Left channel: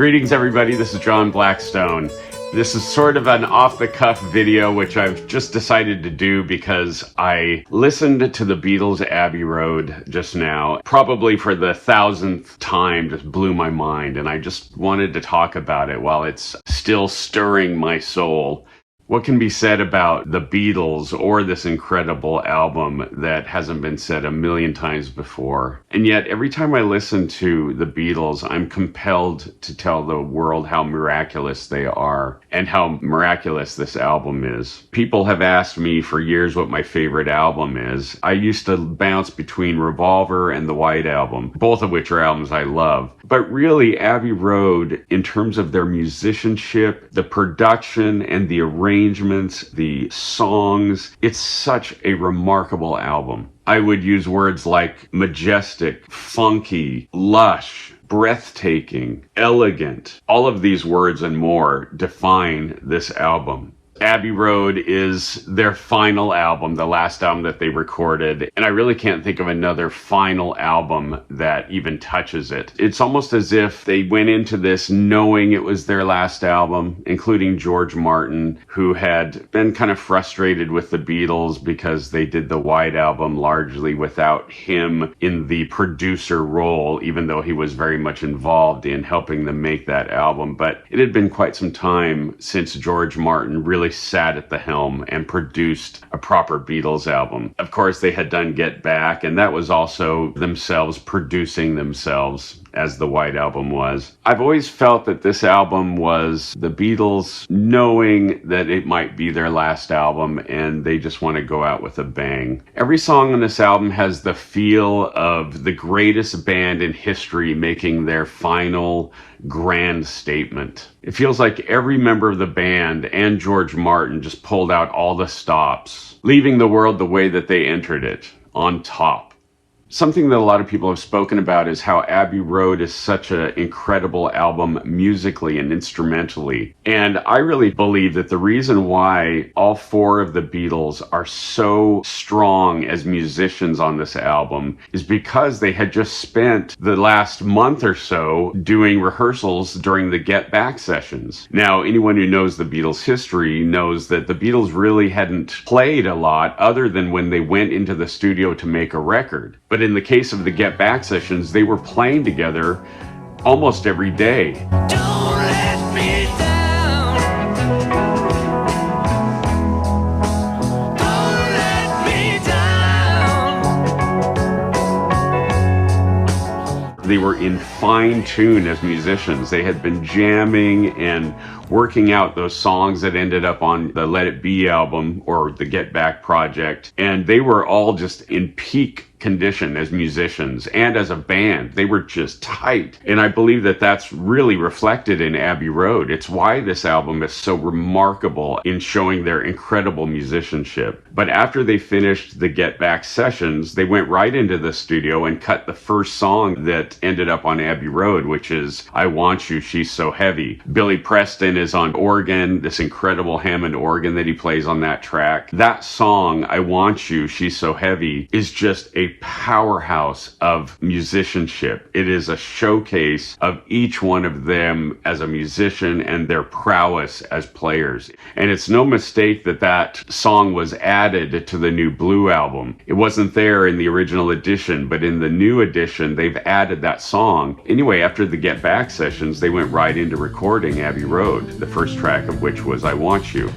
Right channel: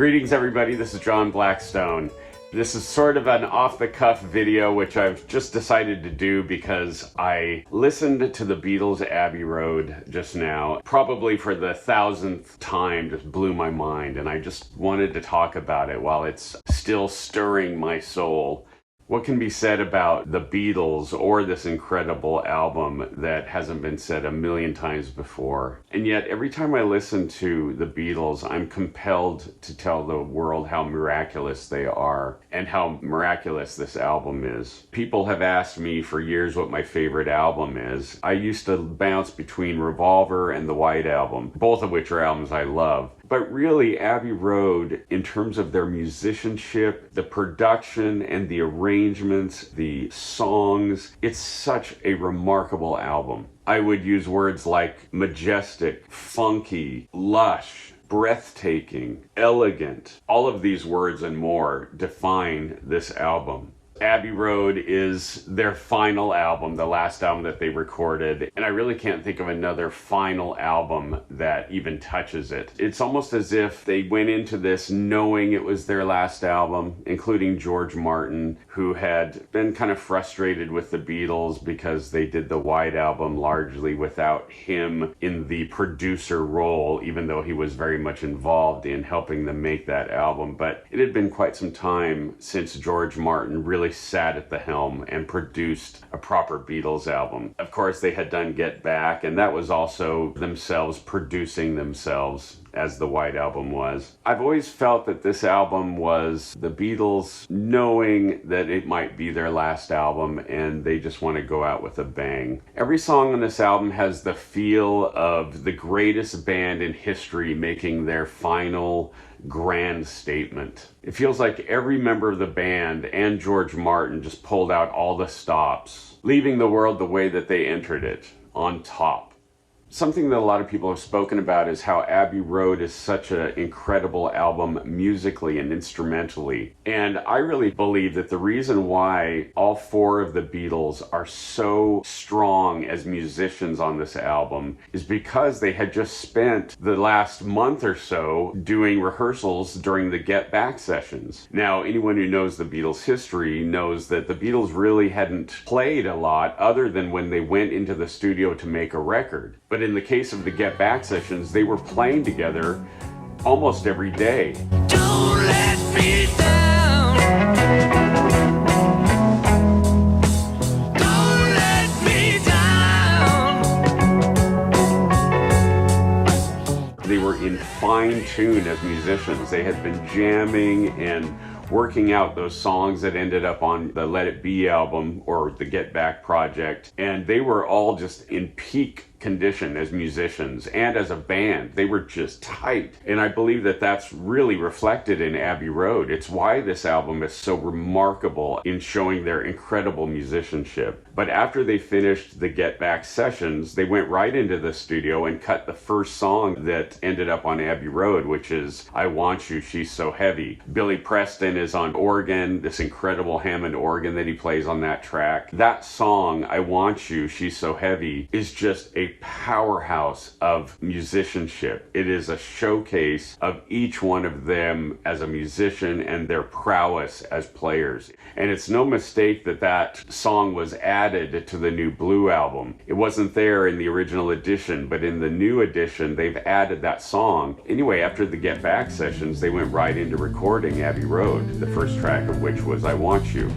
Greetings everybody, this is John Blackstone. This is sort of an off-the-cuff video which I've just decided to do because I listened to the Beatles' Abbey Road just now, probably for the 1000th time. Just blew my mind, and I just wanted to talk about it while it's still stirring my soul. What can be said about the Beatles or this incredible album that hasn't been said a million times before? And yet, every time I listen to the Beatles, I'm compelled to tell the world how miraculous they are and how miraculous this album is. People have asked me for years what my favorite album is. I used to bounce between Revolver and the White Album, both of which are albums I love. But really, Abbey Road, in terms of their musicianship, the production and the arrangements, the songs, it's such a remarkable album. I would use words like majestic, funky, lush, breathtaking, elegant. All of these words and more define this album. Abbey Road is their final album, the last album that they recorded, and I really can't think of another final album that even touches it. It's almost as if they went into this knowing it was their last album, including George Martin, who had been kind of frustrated with the Beatles because they did the White Album largely without him in the producer role, even though he was very much involved in helping them make that album. But it had been quite some time since George Martin really sat at the helm and produced a proper Beatles album. Of course, they had done Get Back, and that was also themselves producing themselves, as the White Album was. I've always felt that this album was the Beatles knowing that it might be their last album and they just want to go out with a bang. Every song on this album has the feel of the greatest band in history making their final grand statement. It feels like every member of the band and George Martin just pulled out all the stops, leaving the world the way that they entered it, on top. Something that a lot of people have spoken about is how Abbey Road is such an incredible album musically and instrumentally. And I really believe that the reason why all four of the Beatles are so strong as musicians on this album is because they had just spent the last month or so doing rehearsals during the Get Back sessions. Now, anyone who knows the Beatles' history knows that the Beatles really hadn't played a lot other than when they went into the studio to make a record. But in the case of the Get Back sessions, they were playing together almost every day. Don't let me down. Don't let me down. They were in fine tune as musicians. They had been jamming and working out those songs that ended up on the Let It Be album or the Get Back project. And they were all just in peak condition as musicians and as a band. They were just tight. And I believe that that's really reflected in Abbey Road. It's why this album is so remarkable in showing their incredible musicianship. But after they finished the Get Back sessions, they went right into the studio and cut the first song that ended up on Abbey Road, which is I Want You, She's So Heavy. Billy Preston is on organ, this incredible Hammond organ that he plays on that track. That song, I Want You, She's So Heavy, is just a powerhouse of musicianship. It is a showcase of each one of them as a musician and their prowess as players. And it's no mistake that that song was added to the new Blue album. It wasn't there in the original edition, but in the new edition, they've added that song. Anyway, after the Get Back sessions, they went right into recording Abbey Road, the first track of which was I Want You.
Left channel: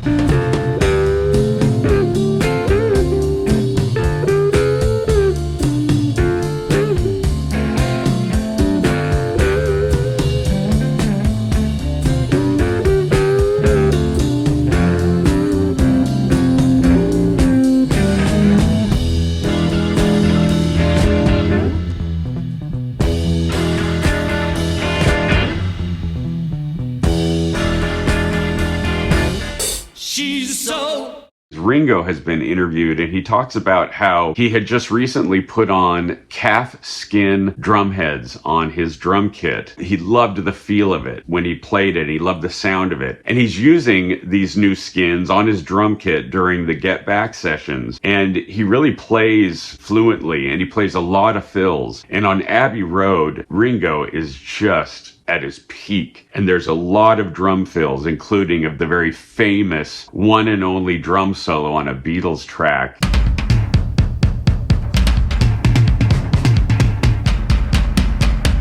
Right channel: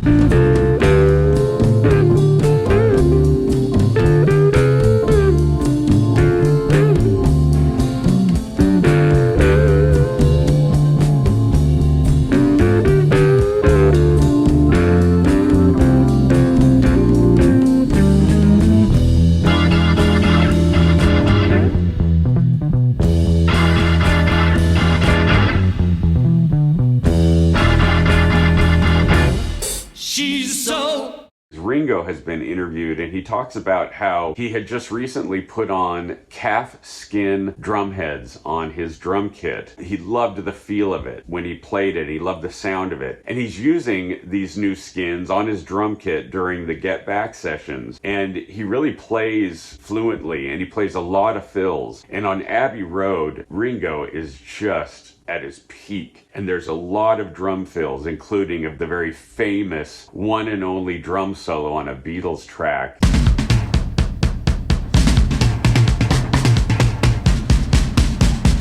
Ringo has been interviewed, and he talks about how he had just recently put on calf skin drum heads on his drum kit. He loved the feel of it when he played it. He loved the sound of it. And he's using these new skins on his drum kit during the Get Back sessions. And he really plays fluently, and he plays a lot of fills. And on Abbey Road, Ringo is just at his peak. And there's a lot of drum fills, including of the very famous one and only drum solo on a Beatles track.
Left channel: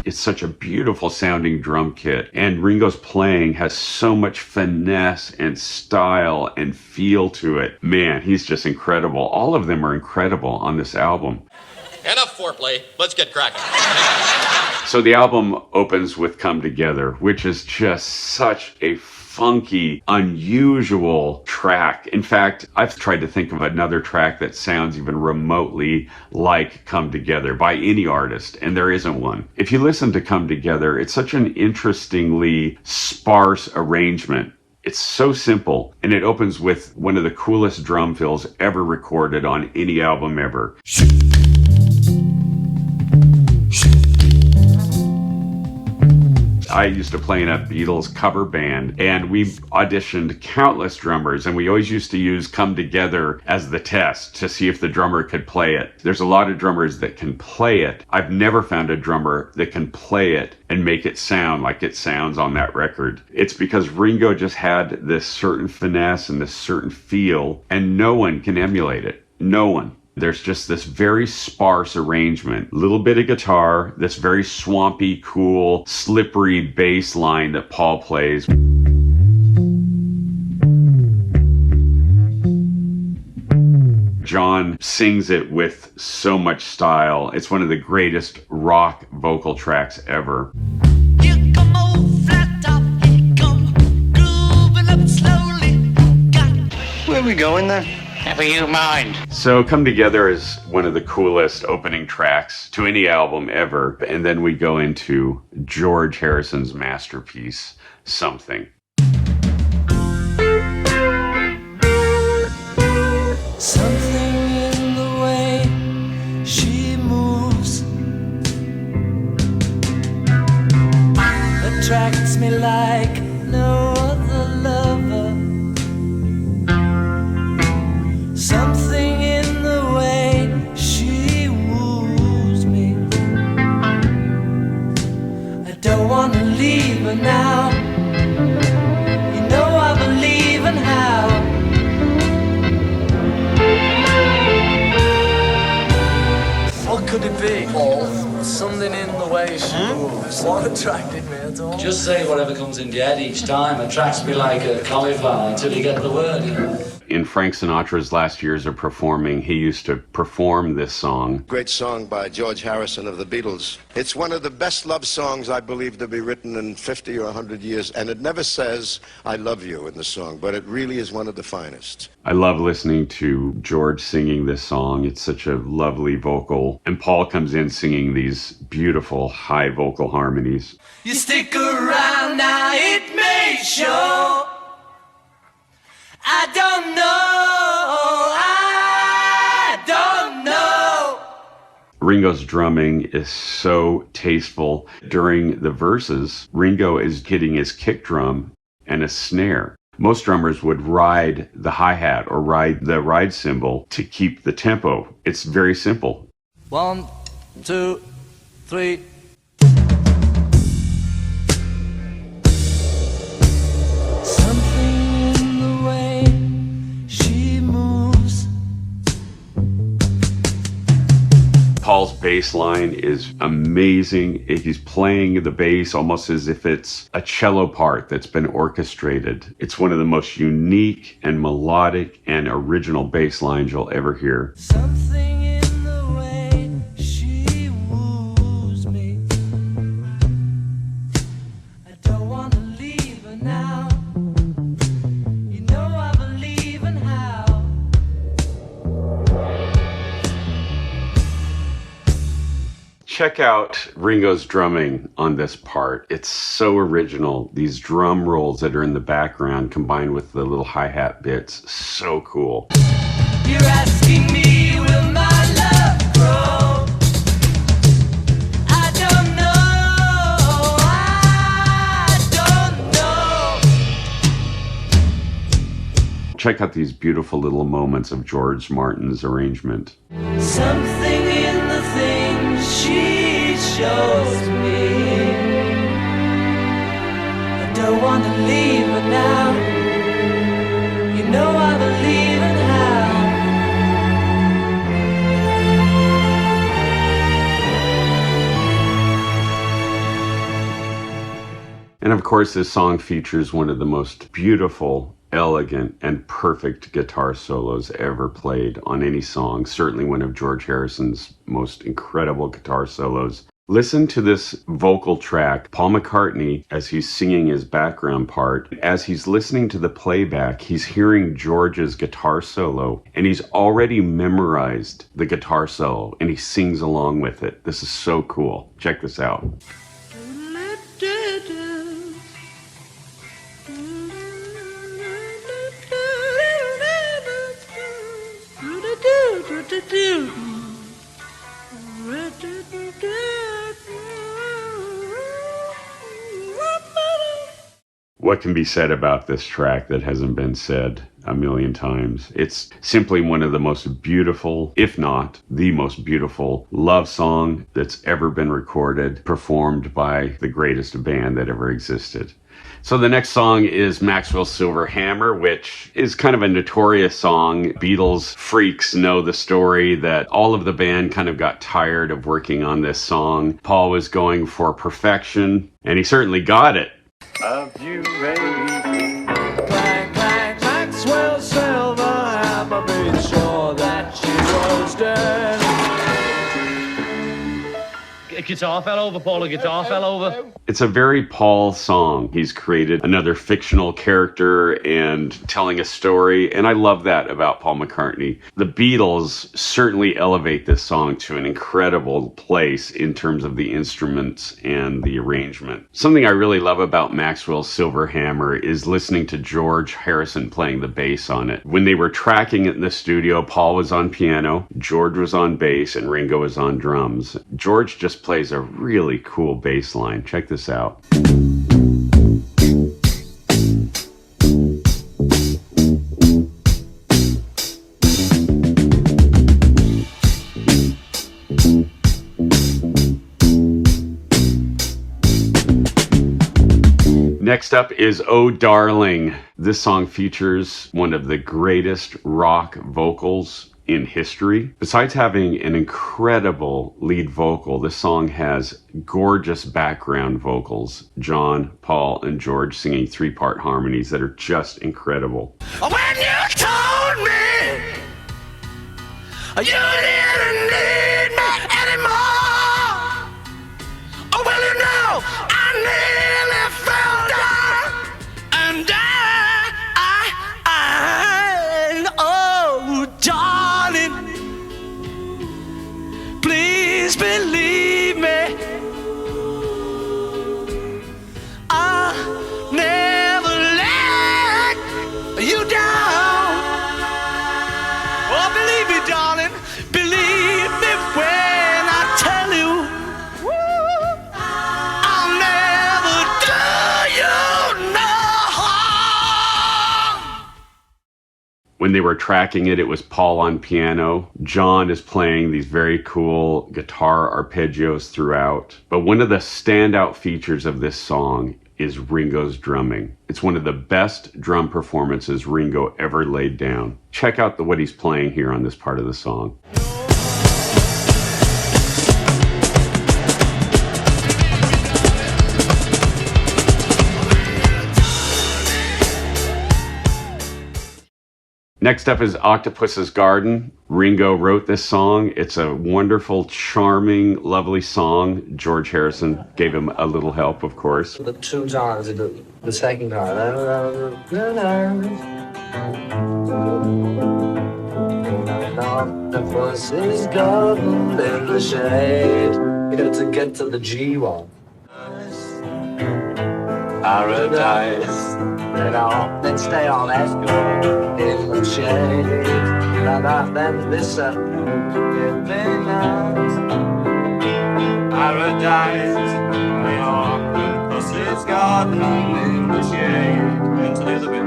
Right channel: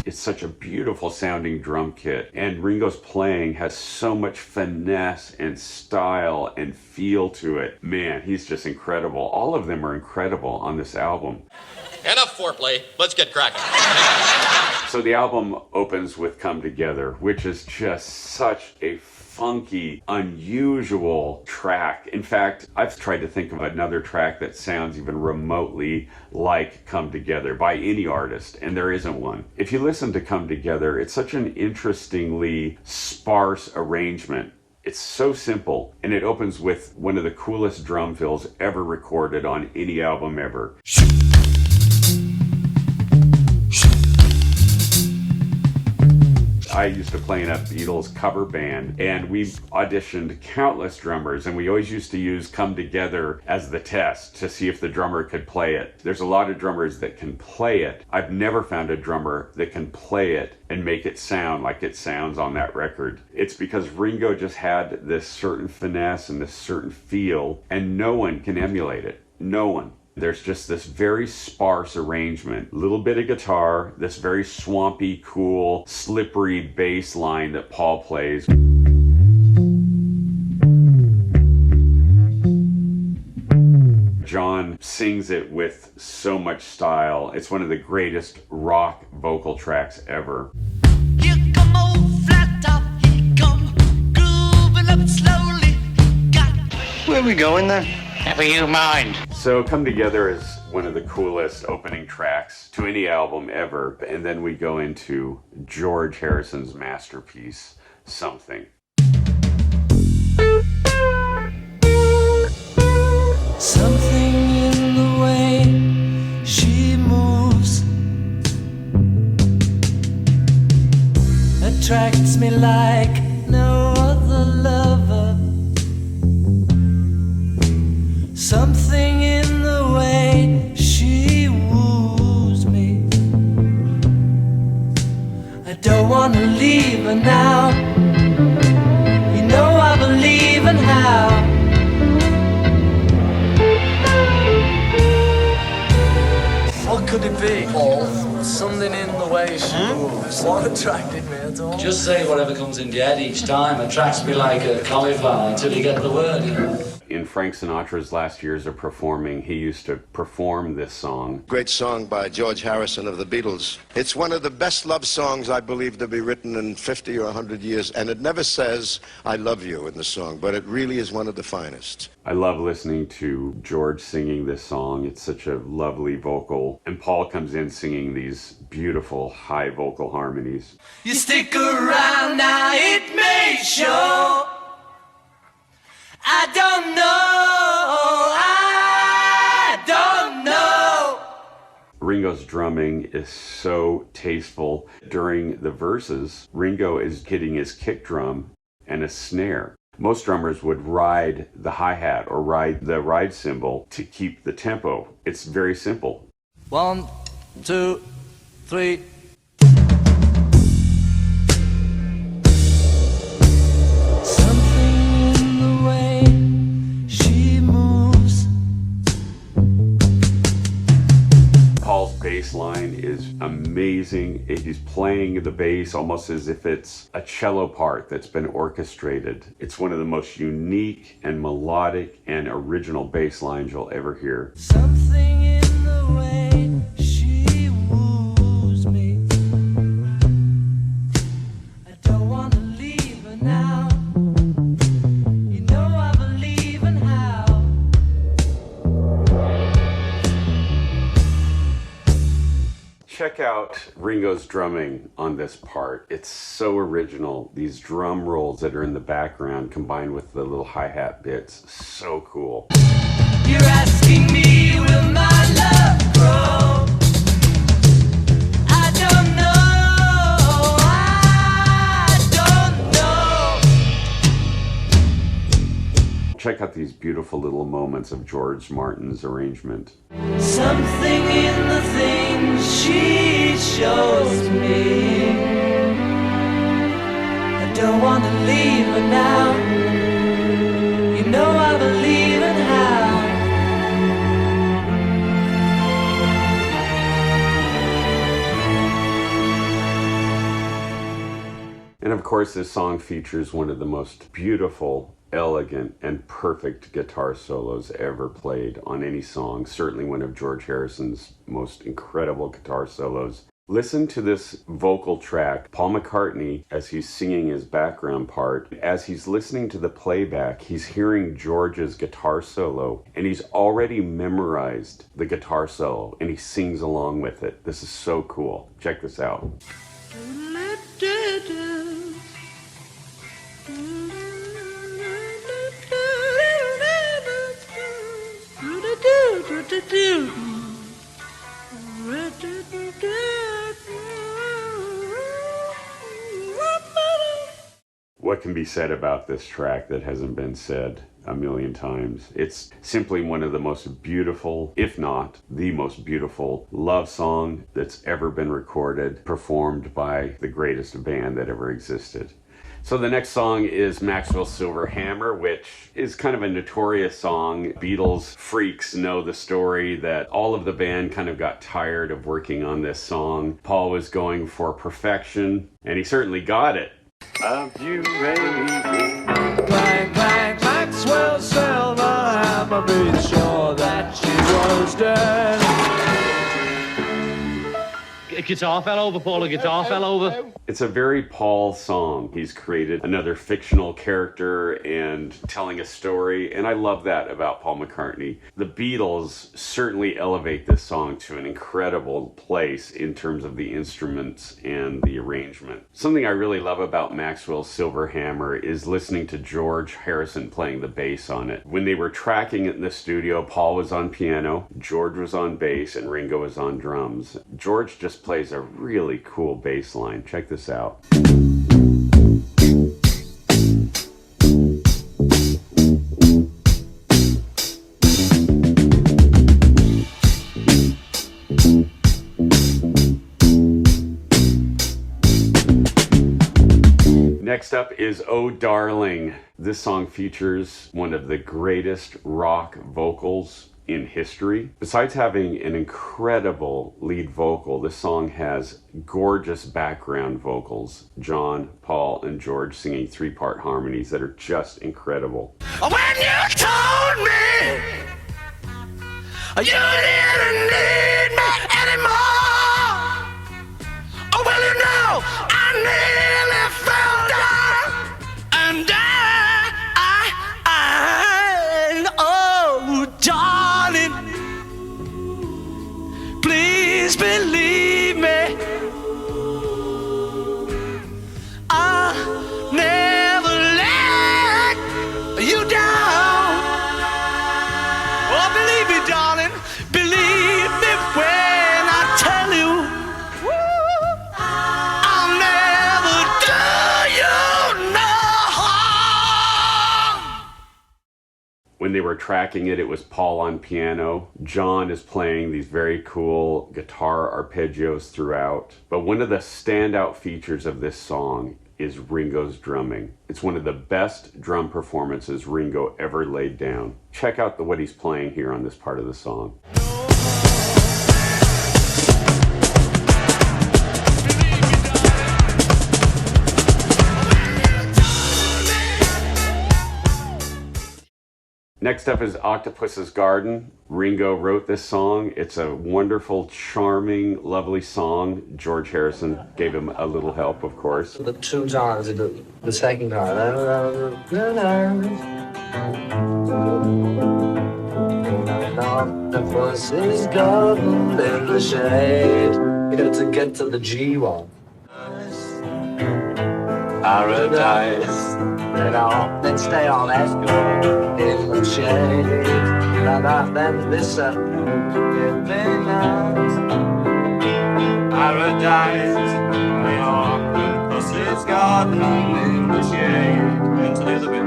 It's such a beautiful sounding drum kit, and Ringo's playing has so much finesse and style and feel to it. Man, he's just incredible. All of them are incredible on this album. Enough foreplay. Let's get cracking. So the album opens with Come Together, which is just such a funky, unusual track. In fact, I've tried to think of another track that sounds even remotely like Come Together by any artist, and there isn't one. If you listen to Come Together, it's such an interestingly sparse arrangement. It's so simple, and it opens with one of the coolest drum fills ever recorded on any album ever. I used to play in a Beatles cover band, and we auditioned countless drummers, and we always used to use Come Together as the test to see if the drummer could play it. There's a lot of drummers that can play it. I've never found a drummer that can play it and make it sound like it sounds on that record. It's because Ringo just had this certain finesse and this certain feel, and no one can emulate it. No one. There's just this very sparse arrangement, little bit of guitar, this very swampy, cool, slippery bass line that Paul plays. John sings it with so much style. It's one of the greatest rock vocal tracks ever. Here come old flat top, he come grooving up slowly. Where are we going then? Never you mind. So Come Together is one of the coolest opening tracks to any album ever. And then we go into George Harrison's masterpiece, Something. Something in the way she moves attracts me like no other lover. Something in the way she woos me. I don't want to leave her now. You know I believe in how. What could it be, Paul? Something in the way she moves. What attracted me at all? Just say whatever comes in your head each time. Attracts me like a cauliflower until you get the word, you know. In Frank Sinatra's last years of performing, he used to perform this song. Great song by George Harrison of the Beatles. It's one of the best love songs I believe to be written in 50 or 100 years, and it never says, I love you in the song, but it really is one of the finest. I love listening to George singing this song. It's such a lovely vocal. And Paul comes in singing these beautiful high vocal harmonies. You stick around now, it may show. I don't know. Ringo's drumming is so tasteful. During the verses, Ringo is hitting his kick drum and a snare. Most drummers would ride the hi-hat or ride the ride cymbal to keep the tempo. It's very simple. 1, 2, 3. Paul's bass line is amazing. He's playing the bass almost as if it's a cello part that's been orchestrated. It's one of the most unique and melodic and original bass lines you'll ever hear. Something in the way she woos me. I don't want to leave her now. You know I believe in how. Check out Ringo's drumming on this part. It's so original. These drum rolls that are in the background combined with the little hi-hat bits. So cool. You're asking me, will my love grow? I don't know. I don't know. Check out these beautiful little moments of George Martin's arrangement. Something in the things she shows me. don't want to leave her now. You know I believe in how. And of course, this song features one of the most beautiful, elegant, and perfect guitar solos ever played on any song. Certainly one of George Harrison's most incredible guitar solos. Listen to this vocal track. Paul McCartney, as he's singing his background part, as he's listening to the playback, he's hearing George's guitar solo, and he's already memorized the guitar solo, and he sings along with it. This is so cool. Check this out. What can be said about this track that hasn't been said a million times? It's simply one of the most beautiful, if not the most beautiful, love song that's ever been recorded, performed by the greatest band that ever existed. So the next song is Maxwell's Silver Hammer, which is kind of a notorious song. Beatles freaks know the story that all of the band kind of got tired of working on this song. Paul was going for perfection, and he certainly got it. Of you, baby. Clang, clang, Maxwell's silver hammer made sure that she was dead. A guitar fell over, Paul. A guitar fell over. It's a very Paul song. He's created another fictional character and telling a story, and I love that about Paul McCartney. The Beatles certainly elevate this song to an incredible place in terms of the instruments and the arrangement. Something I really love about Maxwell's Silver Hammer is listening to George Harrison playing the bass on it. When they were tracking it in the studio, Paul was on piano, George was on bass, and Ringo was on drums. George just plays a really cool bass line. Check this out. Next up is Oh Darling. This song features one of the greatest rock vocals in history. Besides having an incredible lead vocal, this song has gorgeous background vocals. John, Paul, and George singing three-part harmonies that are just incredible. When you told me you didn't need me anymore, oh well, you know I nearly fell down, and oh darling, please believe me, I never let you down. Oh, believe me, darling, believe me when I tell you, I'll never do you no harm. When they were tracking it, it was Paul on piano. John is playing these very cool guitar arpeggios throughout. But one of the standout features of this song is Ringo's drumming. It's one of the best drum performances Ringo ever laid down. Check out what he's playing here on this part of the song. Next up is Octopus's Garden. Ringo wrote this song. It's a wonderful, charming, lovely song. George Harrison gave him a little help, of course. The 2 times, the second time. Octopus is garden in the shade. You got to get to the G one. Paradise. Let's stay on that. In the shade. Then this Paradise. The octopus's garden in the shade. Into the other bit.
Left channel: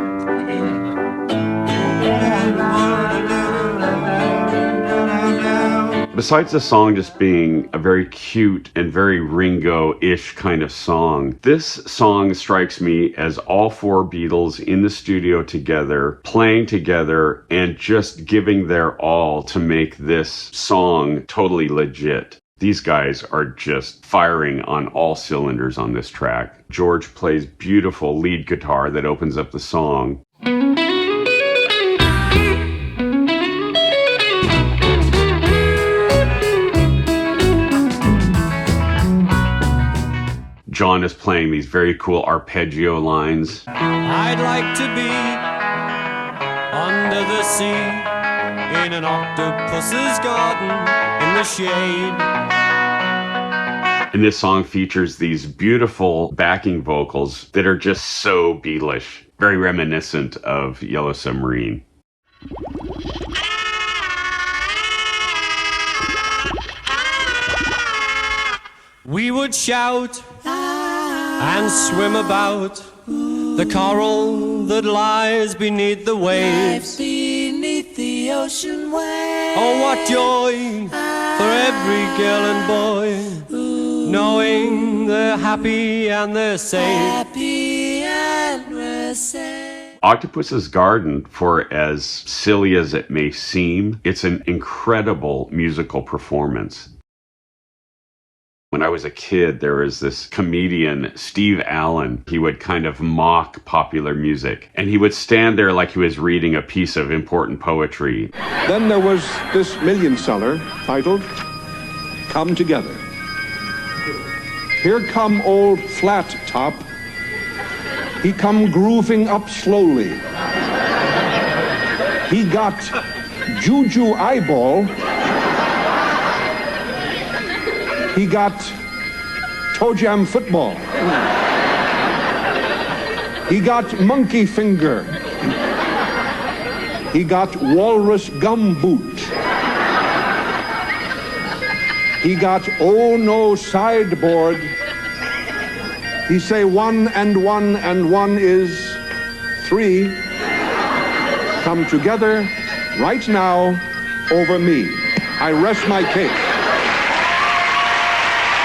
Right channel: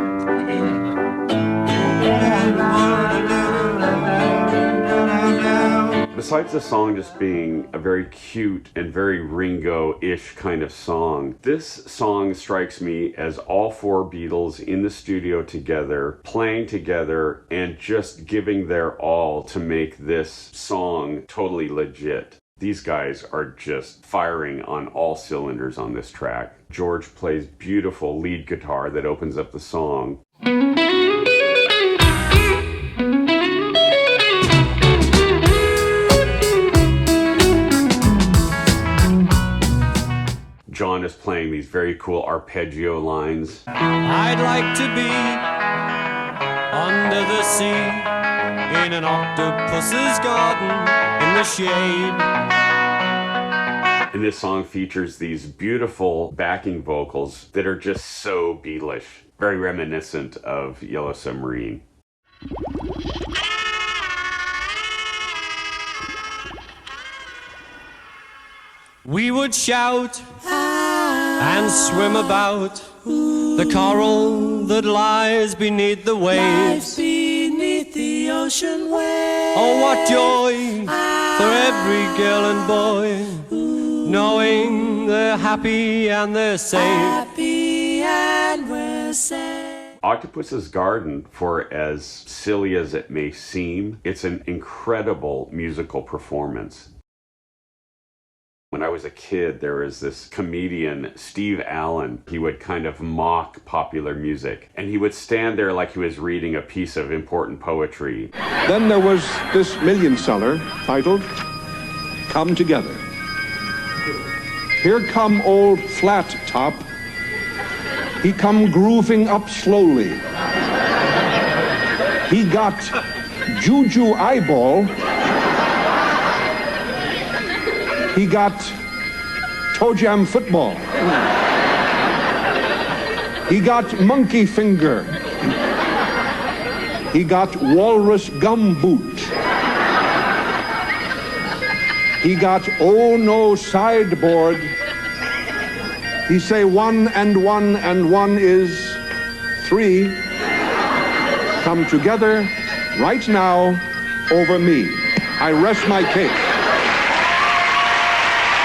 Besides the song just being a very cute and very Ringo-ish kind of song, this song strikes me as all four Beatles in the studio together, playing together, and just giving their all to make this song totally legit. These guys are just firing on all cylinders on this track. George plays beautiful lead guitar that opens up the song. John is playing these very cool arpeggio lines. I'd like to be under the sea in an octopus's garden in the shade. And this song features these beautiful backing vocals that are just so Beatlish, very reminiscent of Yellow Submarine. We would shout and swim about the coral that lies beneath the waves. Beneath the ocean waves. Oh, what joy for every girl and boy, knowing they're happy and they're safe. Happy and we're safe. Octopus's Garden, for as silly as it may seem, it's an incredible musical performance. When I was a kid, there was this comedian, Steve Allen. He would kind of mock popular music, and he would stand there like he was reading a piece of important poetry. Then there was this million seller titled Come Together. Here come old Flat Top. He come grooving up slowly. He got Juju Eyeball. He got Toe Jam Football. He got Monkey Finger. He got Walrus Gum Boot. He got Oh No Sideboard. He say 1 and 1 and 1 is 3. Come together right now over me. I rest my case.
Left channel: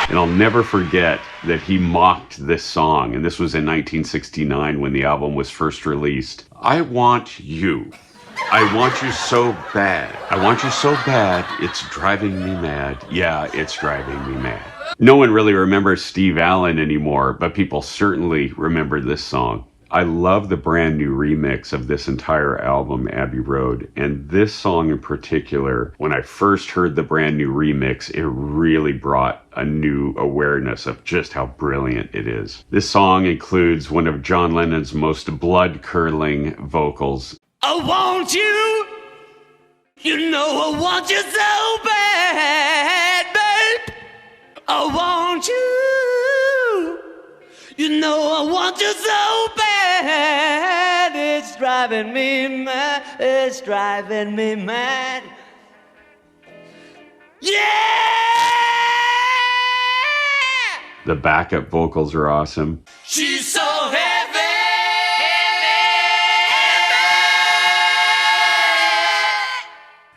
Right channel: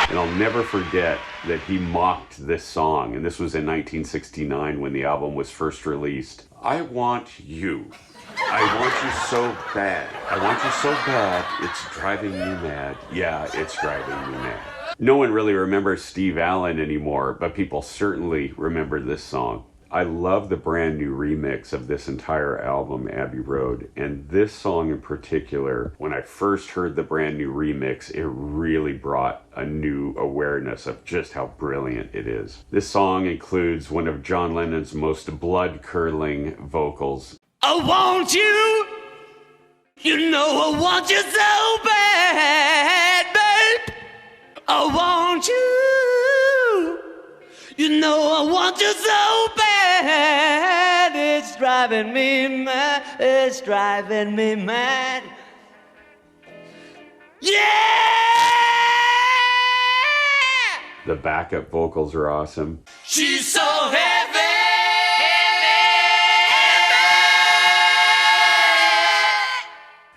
And I'll never forget that he mocked this song, and this was in 1969 when the album was first released. I want you. I want you so bad. I want you so bad, it's driving me mad. Yeah, it's driving me mad. No one really remembers Steve Allen anymore, but people certainly remember this song. I love the brand new remix of this entire album, Abbey Road, and this song in particular, when I first heard the brand new remix, it really brought a new awareness of just how brilliant it is. This song includes one of John Lennon's most blood-curdling vocals. I want you, you know I want you so bad, babe. I want you, you know I want you so bad. It's driving me mad, it's driving me mad. Yeah! The backup vocals are awesome. She's so heavy.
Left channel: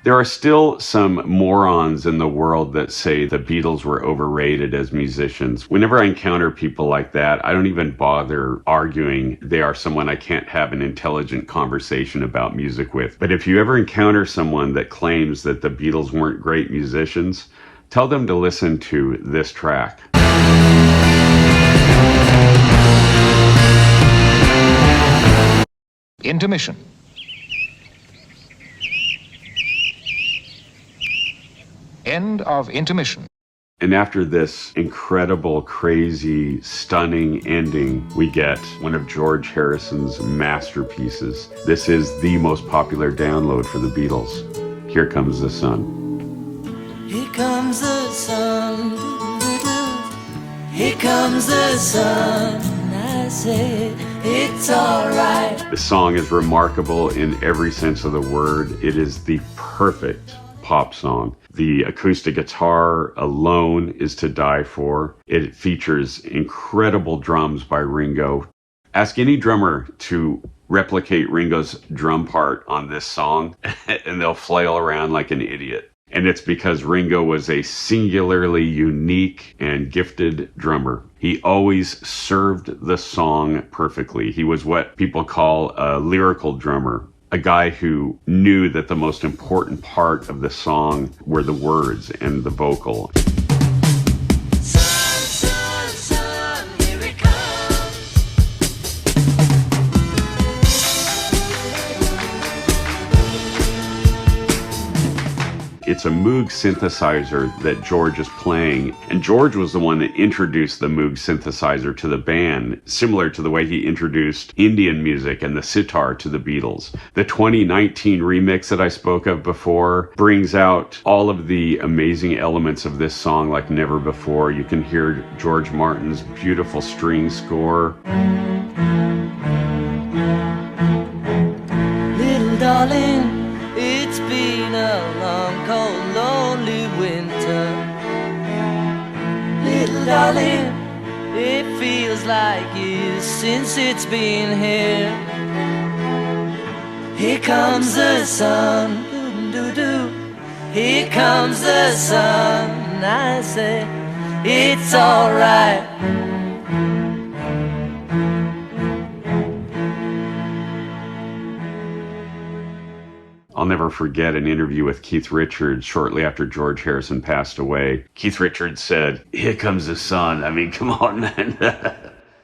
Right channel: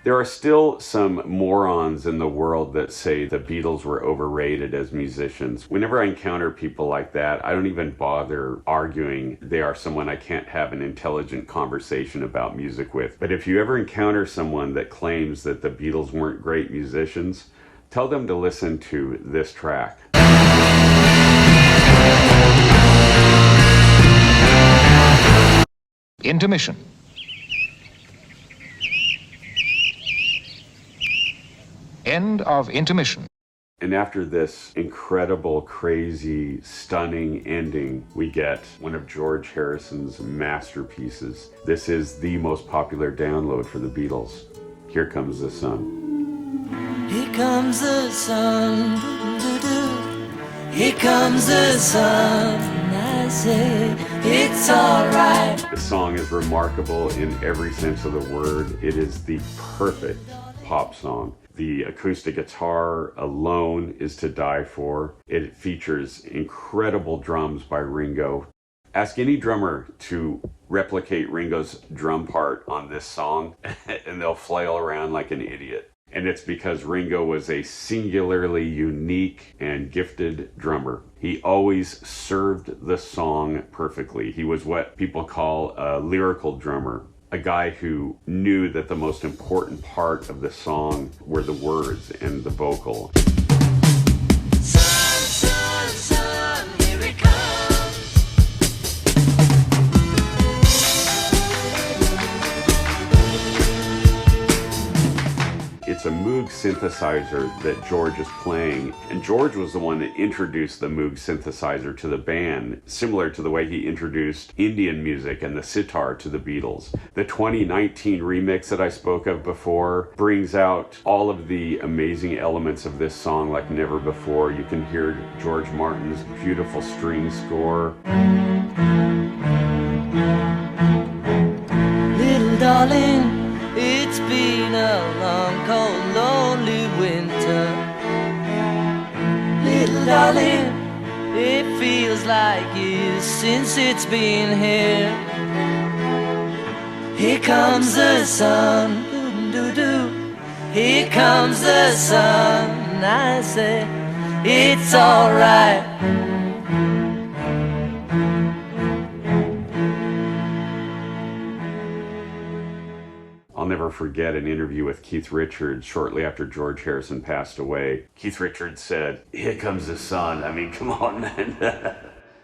There are still some morons in the world that say the Beatles were overrated as musicians. Whenever I encounter people like that, I don't even bother arguing. They are someone I can't have an intelligent conversation about music with. But if you ever encounter someone that claims that the Beatles weren't great musicians, tell them to listen to this track. Intermission. End of intermission. And after this incredible, crazy, stunning ending, we get one of George Harrison's masterpieces. This is the most popular download for the Beatles. Here Comes the Sun. Here comes the sun. Here comes the sun. I say it's alright. The song is remarkable in every sense of the word. It is the perfect pop song. The acoustic guitar alone is to die for. It features incredible drums by Ringo. Ask any drummer to replicate Ringo's drum part on this song, and they'll flail around like an idiot. And it's because Ringo was a singularly unique and gifted drummer. He always served the song perfectly. He was what people call a lyrical drummer, a guy who knew that the most important part of the song were the words and the vocal. Sun, sun, sun, here it comes. It's a Moog synthesizer that George is playing, and George was the one that introduced the Moog synthesizer to the band, similar to the way he introduced Indian music and the sitar to the Beatles. The 2019 remix that I spoke of before brings out all of the amazing elements of this song like never before. You can hear George Martin's beautiful string score. Little darling, it's been a long, cold, lonely winter. Little darling, it feels like years since it's been here. Here comes the sun, doo-doo-doo. Here comes the sun, I say, it's alright. I'll never forget an interview with Keith Richards shortly after George Harrison passed away. Keith Richards said, "Here comes the sun." I mean, come on, man.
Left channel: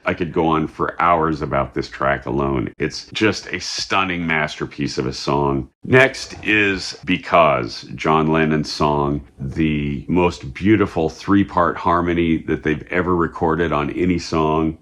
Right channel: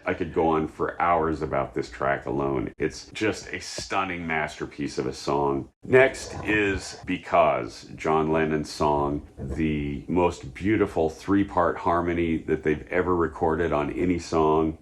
I could go on for hours about this track alone. It's just a stunning masterpiece of a song. Next is Because, John Lennon's song, the most beautiful three-part harmony that they've ever recorded on any song.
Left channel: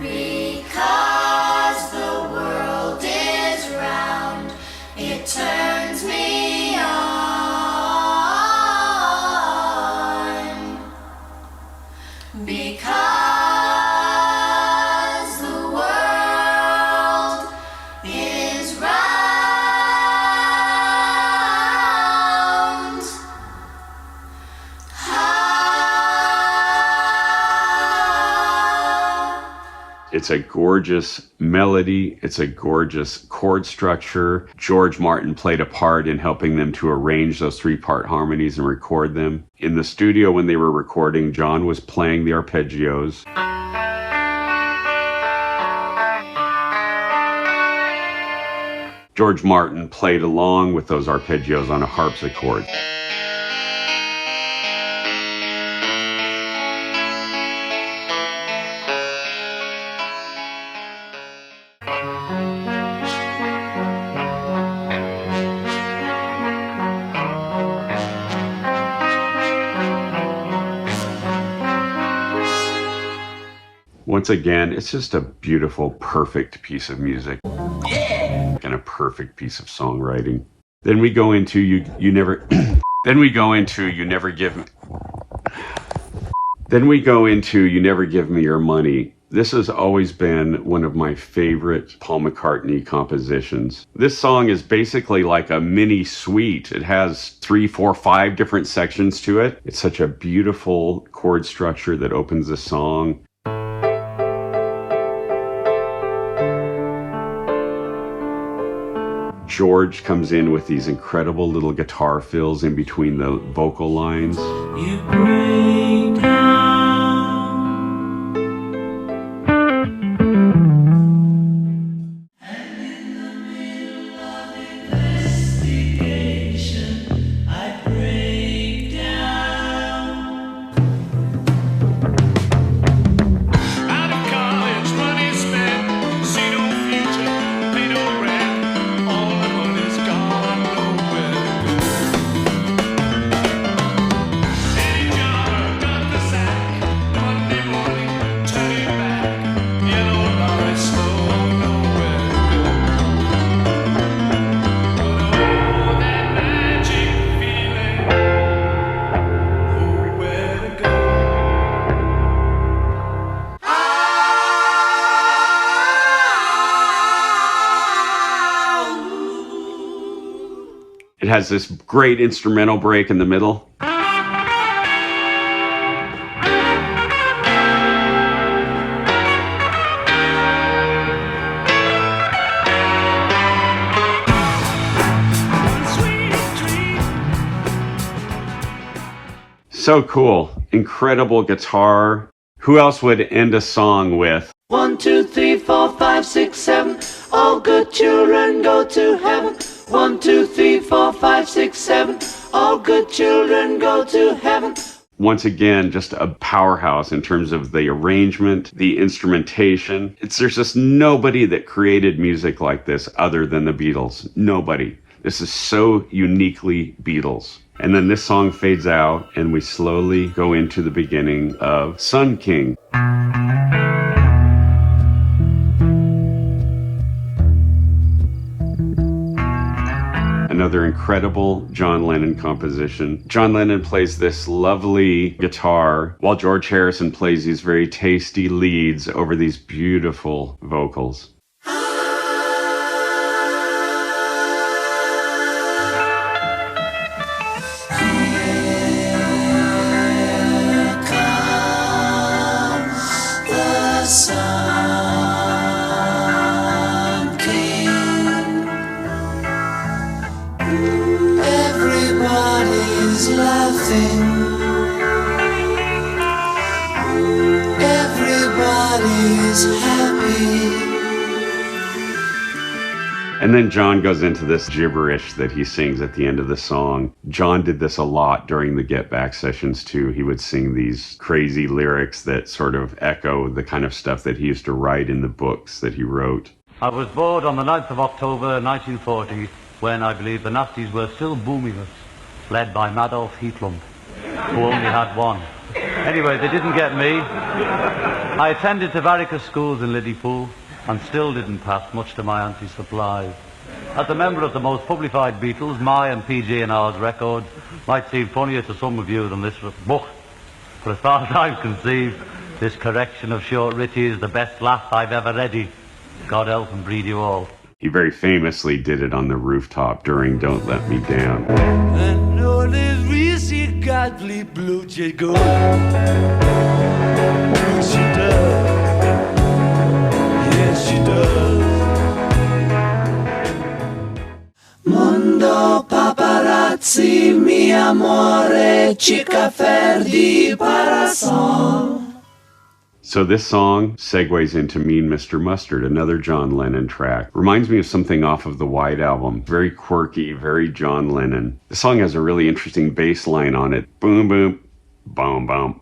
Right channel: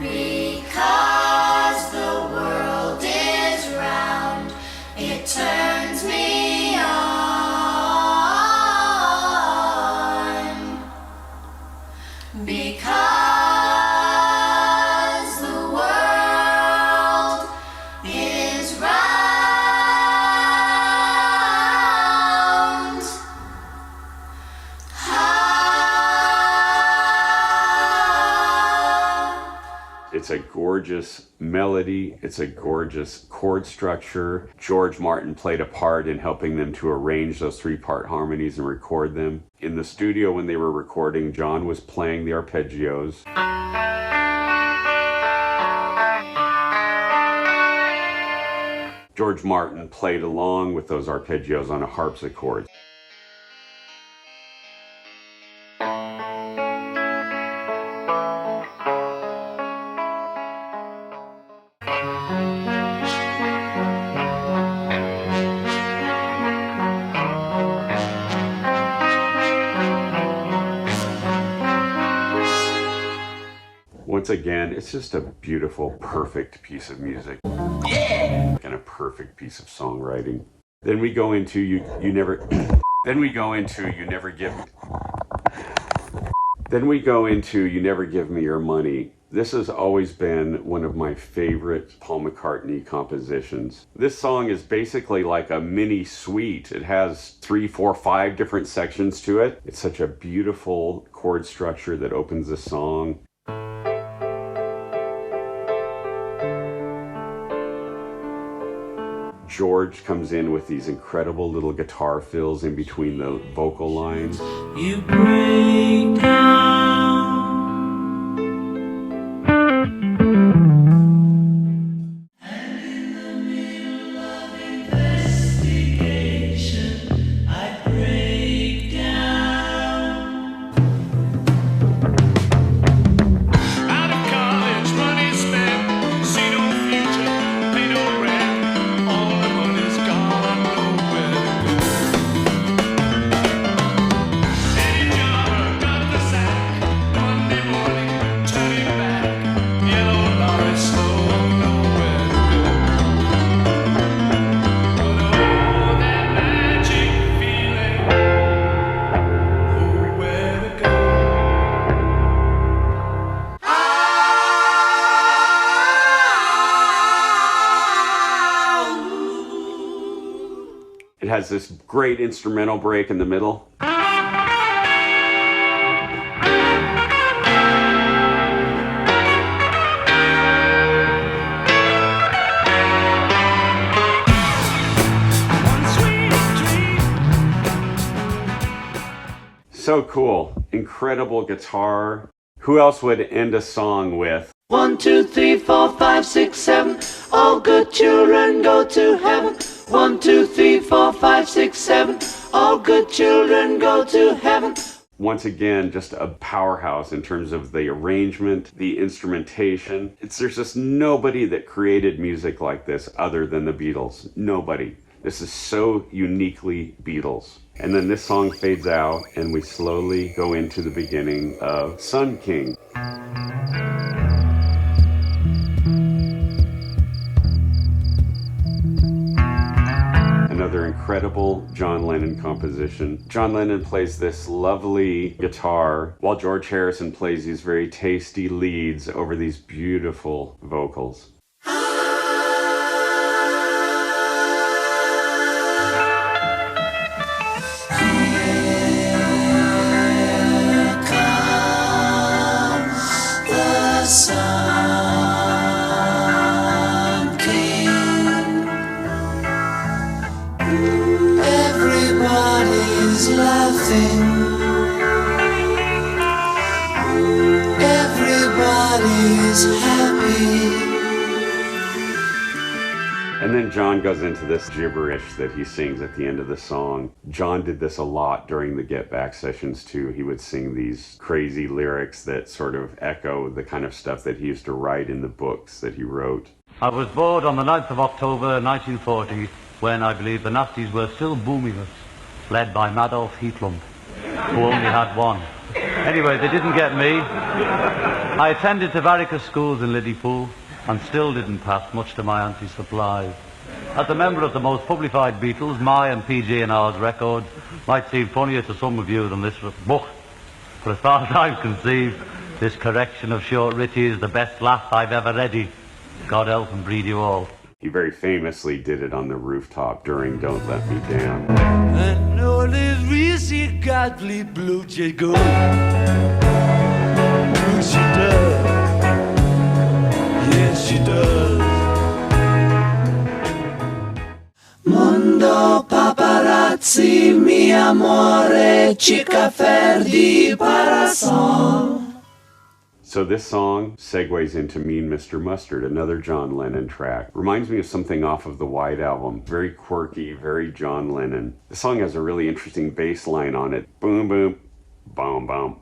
Because the world is round, it turns me on. Because the world is round. It's a gorgeous melody. It's a gorgeous chord structure. George Martin played a part in helping them to arrange those three-part harmonies and record them. In the studio when they were recording, John was playing the arpeggios. George Martin played along with those arpeggios on a harpsichord. Once again, it's just a beautiful, perfect piece of music. Yeah! And a perfect piece of songwriting. Then we go into You Never Give Me Your Money. This has always been one of my favorite Paul McCartney compositions. This song is basically like a mini suite. It has 3, 4, 5 different sections to it. It's such a beautiful chord structure that opens the song. George comes in with these incredible little guitar fills in between the vocal lines. You break down. And in the middle of investigation, I break down. Out of college, money spent, see no future, pay no rent, all the money's gone, nowhere to go. Any job got the same. has this great instrumental break in the middle. So cool. Incredible guitar. Who else would end a song with 1, 2, 3, 4, 5, 6, 7. All good children go to heaven. 1, 2, 3, 4, 5, 6, 7. All good children go to heaven. Once again, just a powerhouse in terms of the arrangement, the instrumentation. There's just nobody that created music like this other than the Beatles. Nobody. This is so uniquely Beatles. And then this song fades out and we slowly go into the beginning of Sun King. Another incredible John Lennon composition. John Lennon plays this lovely guitar while George Harrison plays these very tasty leads over these beautiful vocals. Sun King. Everybody's laughing. Everybody's happy. And then John goes into this gibberish that he sings at the end of the song. John did this a lot during the Get Back sessions too. He would sing these crazy lyrics that sort of echo the kind of stuff that he used to write in the books that he wrote. I was bored on the 9th of October 1940 when I believe the Nazis were still booming us, led by Adolf Hitler, who only had one. Anyway, they didn't get me. I attended Tavaricus schools in Liverpool and still didn't pass, much to my auntie's surprise. As a member of the most publified Beatles, my and PG&R's records might seem funnier to some of you than this book. But as far as I'm conceived, this correction of Short Richie is the best laugh I've ever read. God help and breed you all. He very famously did it on the rooftop during Don't Let Me Down. I know this Reese Godly blue jay go. Blue she does. Yes, she does. Mondo paparazzi, mi amore, chica ferdi parasol. So this song segues into Mean Mr. Mustard, another John Lennon track. Reminds me of something off of the White Album. Very quirky, very John Lennon. The song has a really interesting bass line on it. Boom, boom, boom, boom.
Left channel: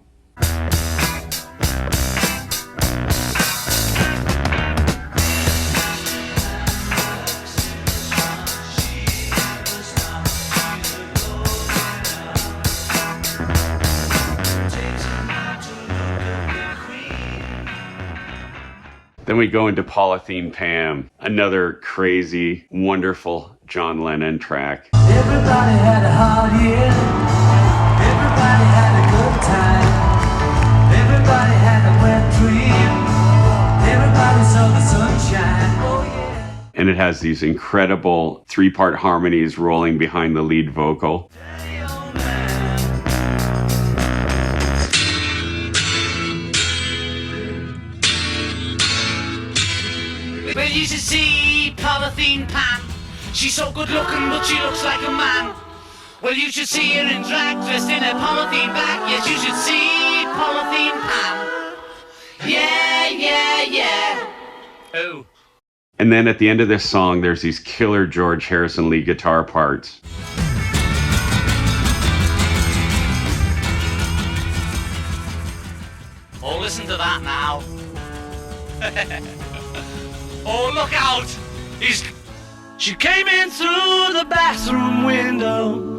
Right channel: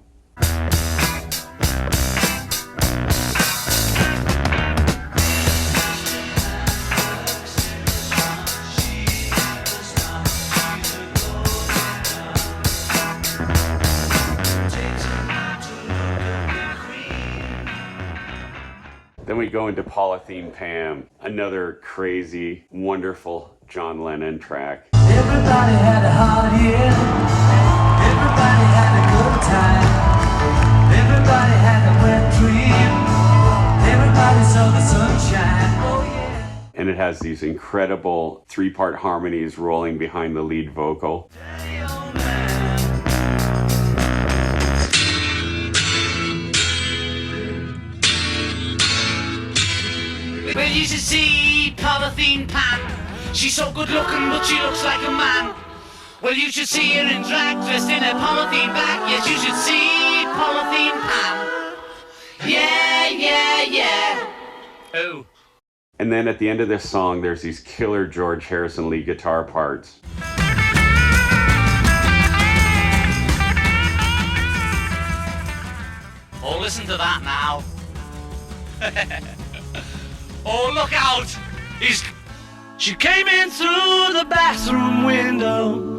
Then we go into Polythene Pam, another crazy, wonderful John Lennon track. Everybody had a hard year. Everybody had a good time. Everybody had a wet dream. Everybody saw the sunshine. Oh yeah. And it has these incredible three-part harmonies rolling behind the lead vocal. Well, you should see Polythene Pam. She's so good looking, but she looks like a man. Well, you should see her in drag, dressed in a polythene bag. Yes, you should see Polythene Pam. Yeah, yeah, yeah. Oh. And then at the end of this song, there's these killer George Harrison lead guitar parts. Oh, listen to that now. Oh, look out! She came in through the bathroom window.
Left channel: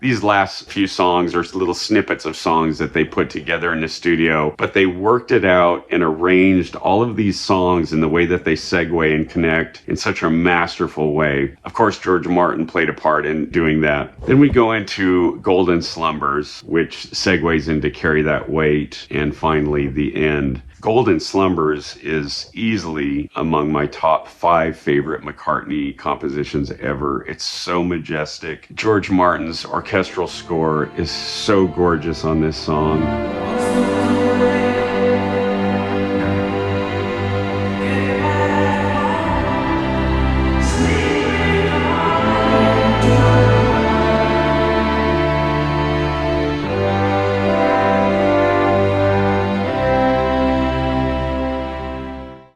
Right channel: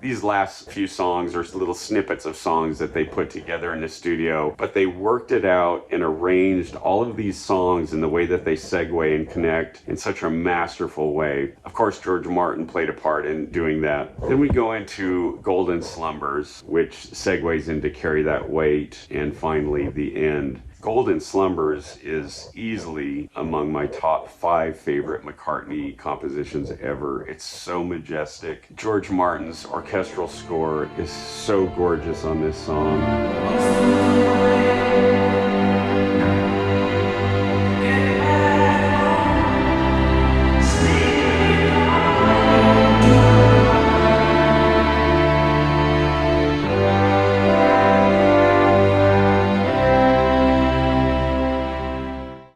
These last few songs are little snippets of songs that they put together in the studio, but they worked it out and arranged all of these songs in the way that they segue and connect in such a masterful way. Of course, George Martin played a part in doing that. Then we go into Golden Slumbers, which segues into Carry That Weight, and finally the end. Golden Slumbers is easily among my top 5 favorite McCartney compositions ever. It's so majestic. George Martin's orchestral score is so gorgeous on this song.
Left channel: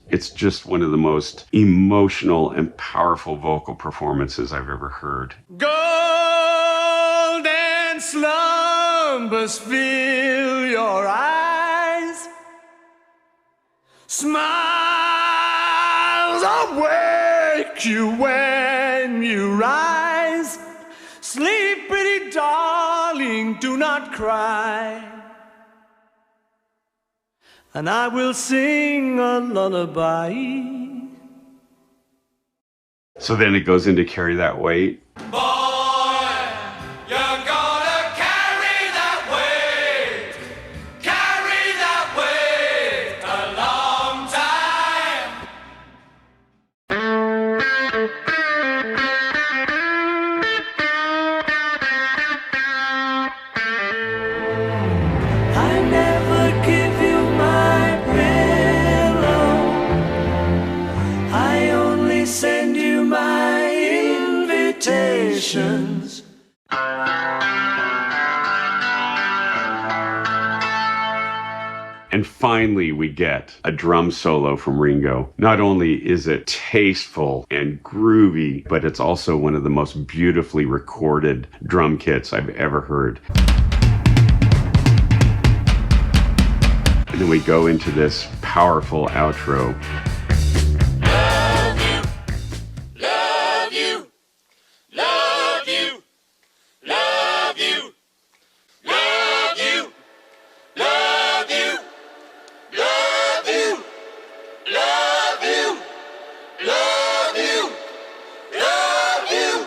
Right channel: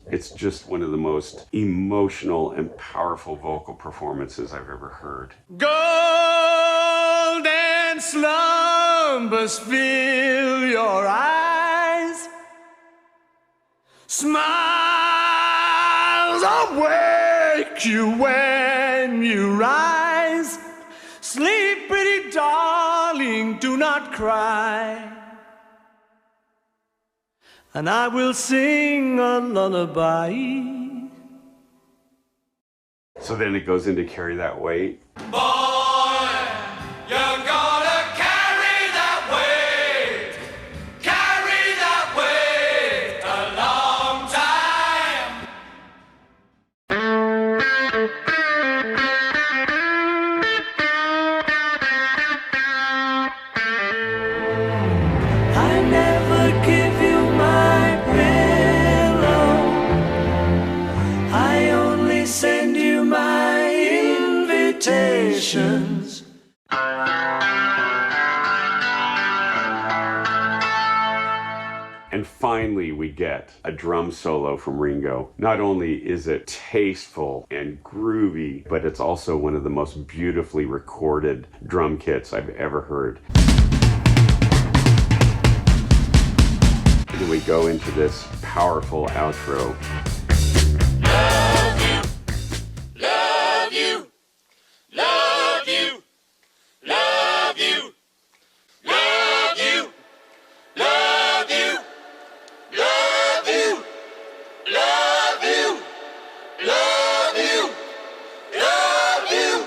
It's just one of the most emotional and powerful vocal performances I've ever heard. Golden slumbers fill your eyes. Smiles awake you when you rise. Sleep, pretty darling, do not cry. And I will sing a lullaby. So then it goes into Carry That Weight. Boy, you're gonna carry that weight a long time. I never give you my pillow. I only send you my invitations. And finally, we get a drum solo from Ringo. Not only is it tasteful and groovy, but it's also one of the most beautifully recorded drum kits I've ever heard. And then we go into this powerful outro. Love you, love you, love you, love you, love you, love you, love you, love you, love you, love you.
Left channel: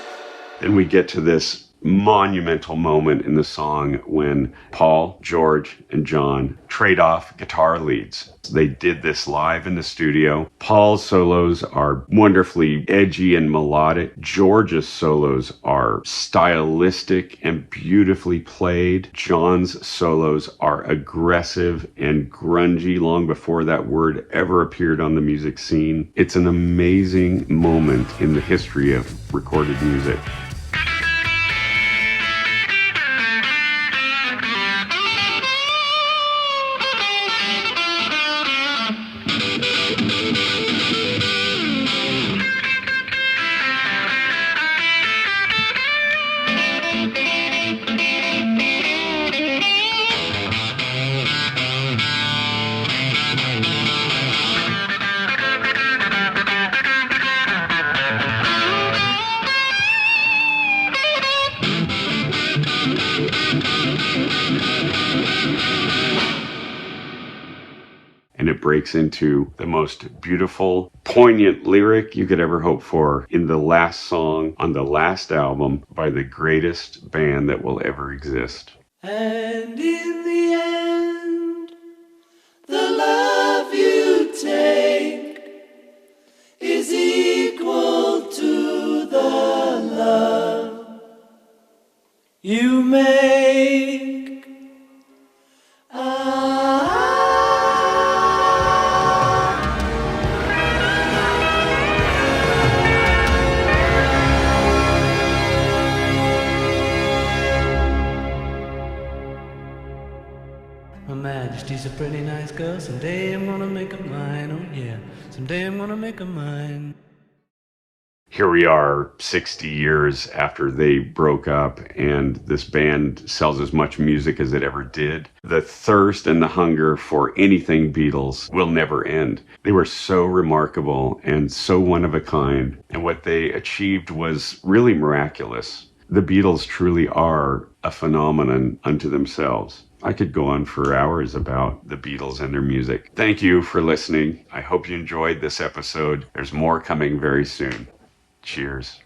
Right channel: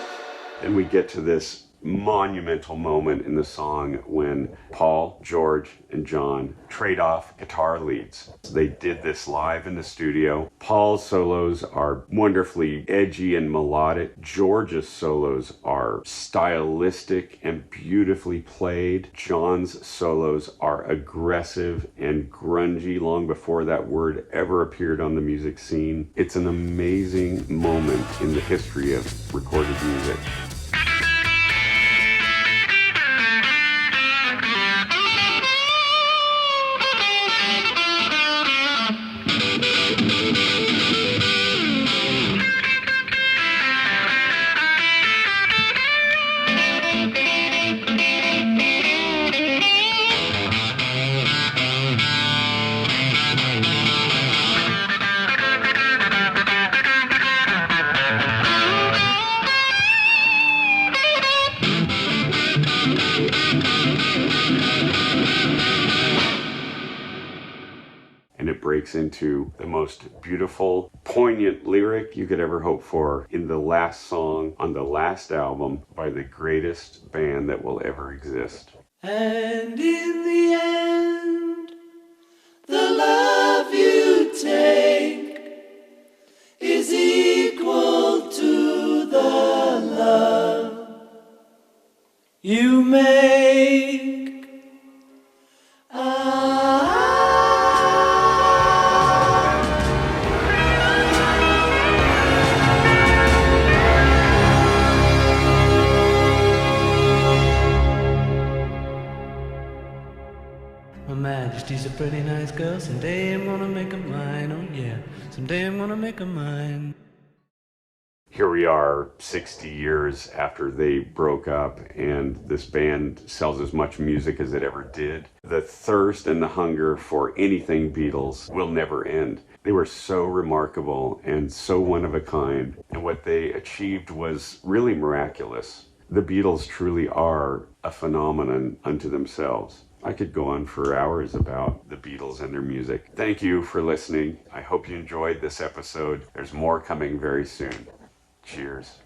Then we get to this monumental moment in the song when Paul, George, and John trade off guitar leads. They did this live in the studio. Paul's solos are wonderfully edgy and melodic. George's solos are stylistic and beautifully played. John's solos are aggressive and grungy long before that word ever appeared on the music scene. It's an amazing moment in the history of recorded music. And it breaks into the most beautiful, poignant lyric you could ever hope for in the last song on the last album by the greatest band that will ever exist. And in the end, the love you take is equal to the love you make. Her Majesty's a pretty nice girl. Someday I'm gonna make her mine. Oh yeah, someday I'm gonna make her mine. Here we are 60 years after they broke up, and this band sells as much music as it ever did. The thirst and the hunger for anything Beatles will never end. They were so remarkable and so one of a kind, and what they achieved was really miraculous. The Beatles truly are a phenomenon unto themselves. I could go on for hours about the Beatles and their music. Thank you for listening. I hope you enjoyed this episode. There's more coming very soon. Cheers.